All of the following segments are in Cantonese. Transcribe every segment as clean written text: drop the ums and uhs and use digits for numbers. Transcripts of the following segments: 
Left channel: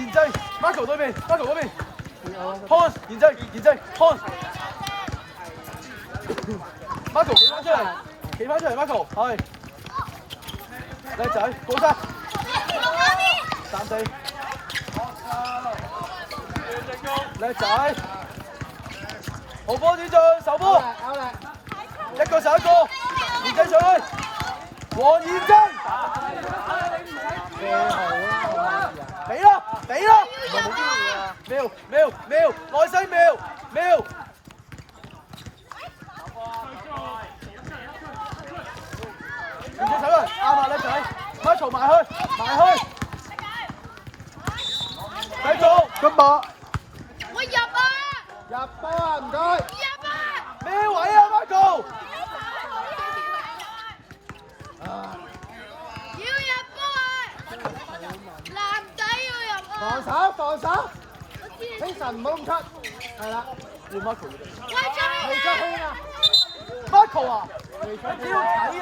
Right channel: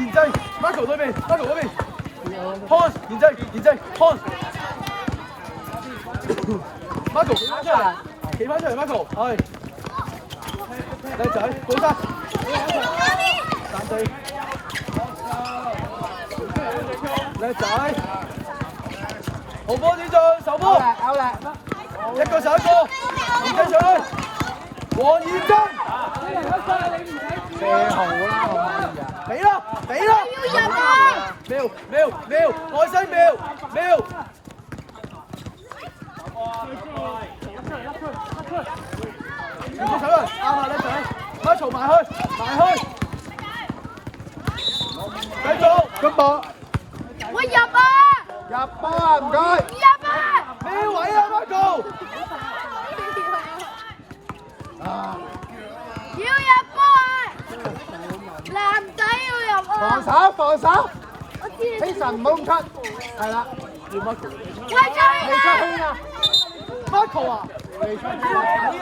現制 ，Marco 嗰邊 ，Marco 嗰邊 ，Pons 現制 ，Pons。Marco 企翻出嚟 ，Marco 係，靚仔，過山，3四，靚仔，好波子做，手波，一個手一個，現制上去，黃現制。俾啦，喵，愛西喵，唔好手啦，啱啦，叻仔，馬嘈埋去，繼續，個波，我入啊！入波啊，唔該。入啊！咩位啊 ，Marco？要入波啊！男仔要入啊！防守，我知希神唔好咁出，係啦。要 Marco，我出嚟啦！ Marco 啊，要嘅。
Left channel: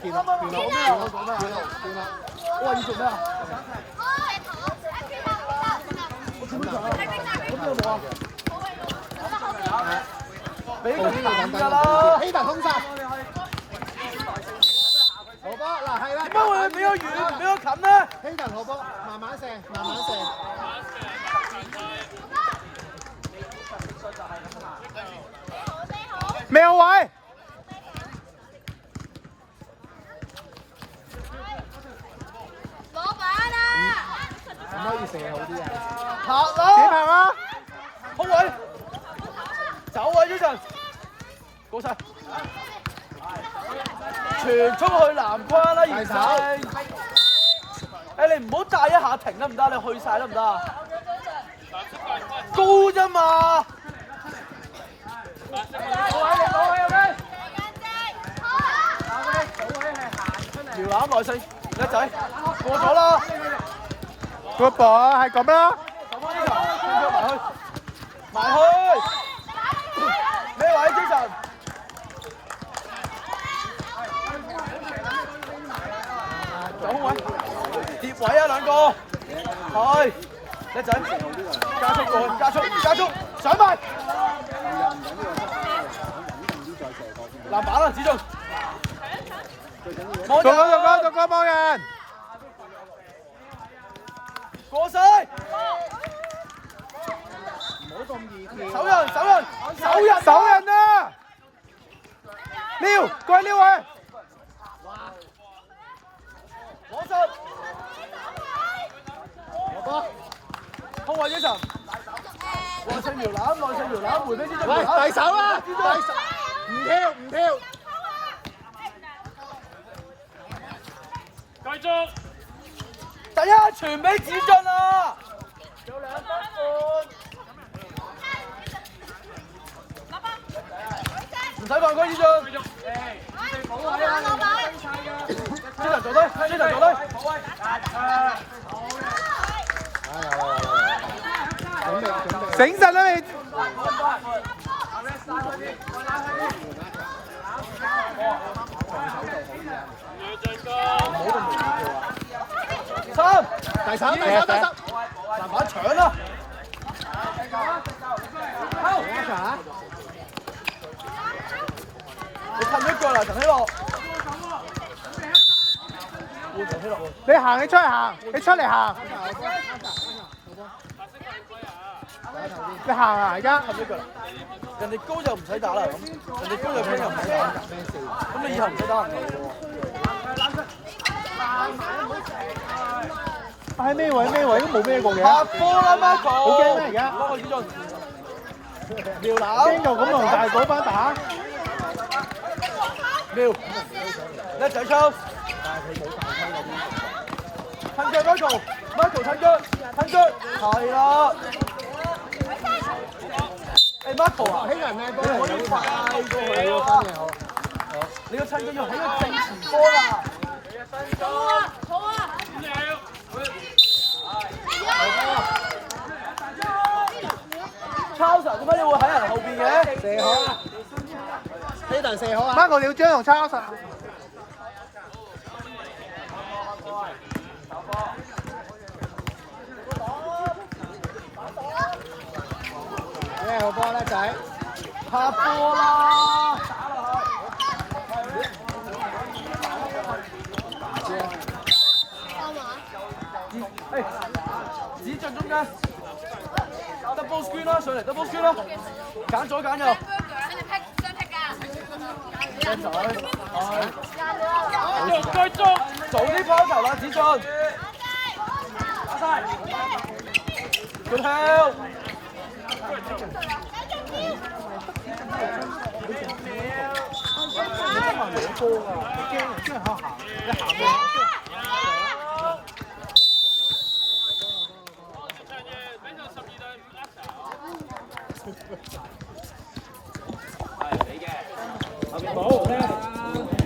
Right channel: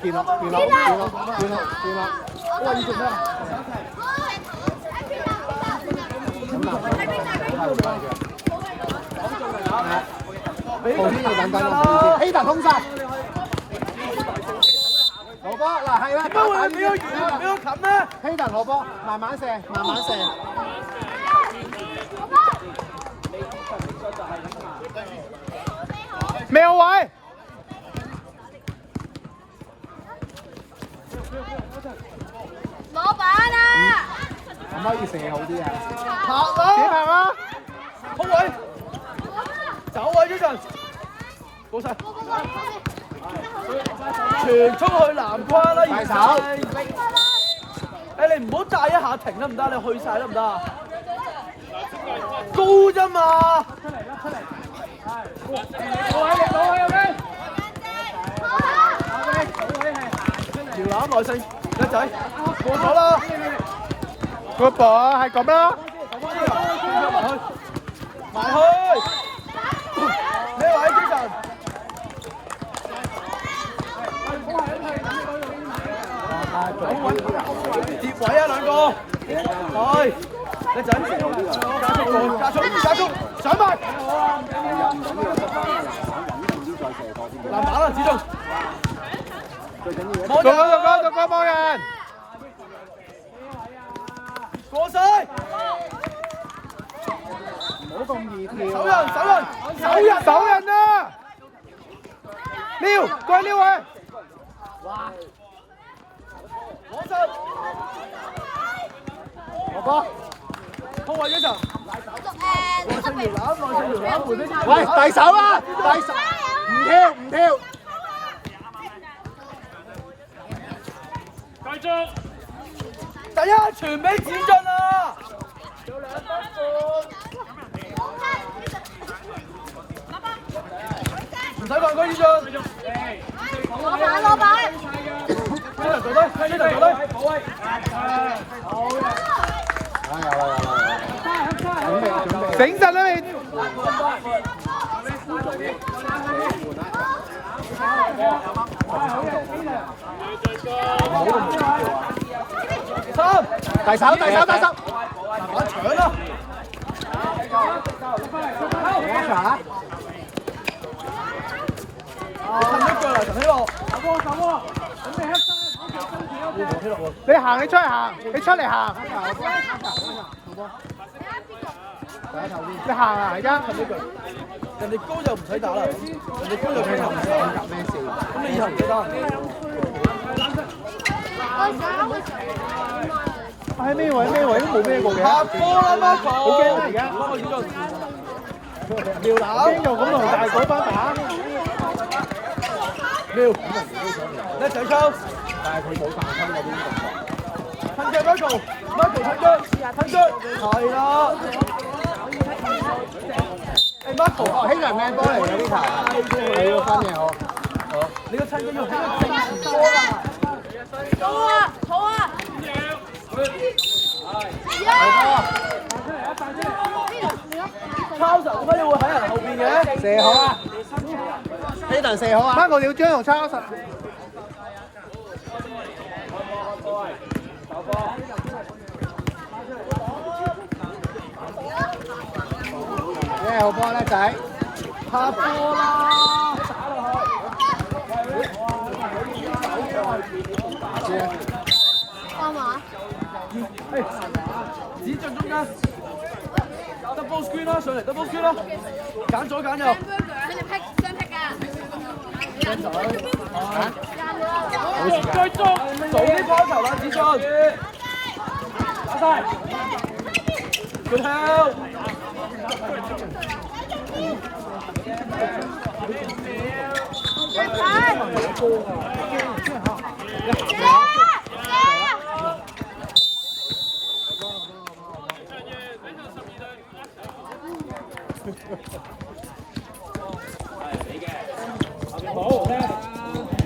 見啦。我話要做咩啊？俾佢等啦。希達通殺。羅波嗱係啦。點解會俾佢遠，俾佢近咧？希達羅波，慢慢射。咩位？攞板啊！唔可以射好啲啊！拍啦！點拍啊？空位，走位呢陣，過晒，傳出去籃框啦，而家。誒，你唔好帶一下停得唔得？你去晒得唔得啊？高啫嘛！苗攬耐性，叻仔，過咗啦！個波係咁啦，埋去，咩位精神？跌位啊兩個，係，叻仔，加速，上埋，籃板啦，子中。過咗幫人，過晒，手人啊！撩，過去撩佢，攞手，空位呢場，外線搖籃，回飛啲，係大手啦，唔跳。第一傳俾子俊啊！有2分半，唔使犯規子俊。攞板。呢頭做低，保威。醒實啦你！大手，我搶啦！你褪一腳嚟，陳希樂。你行，你出嚟行，你出嚟行。你行啊！而家褪一腳，人哋高就唔使打啦，人哋高就邊又唔打，咁你以後唔使打人哋。喺咩位都冇咩過嘅。好驚啦而家。苗攬。驚又咁同大嗰班打。苗。一齊抽。褪腳 Michael 褪腳。係啊。Michael。兄弟咩？你個親都要喺個正前多啊！抄實點解你會喺人後邊嘅？射好啊！呢度射好啊！Marco 你要將同抄實。幹嘛？指進中間 ，double screen 啦，上嚟 double screen 啦，揀左揀右。佢哋劈雙劈㗎。做啲拋球啦，子俊。打晒。Good help。Hãy subscribe cho kênh Ghiền Mì Gõ để không bỏ lỡ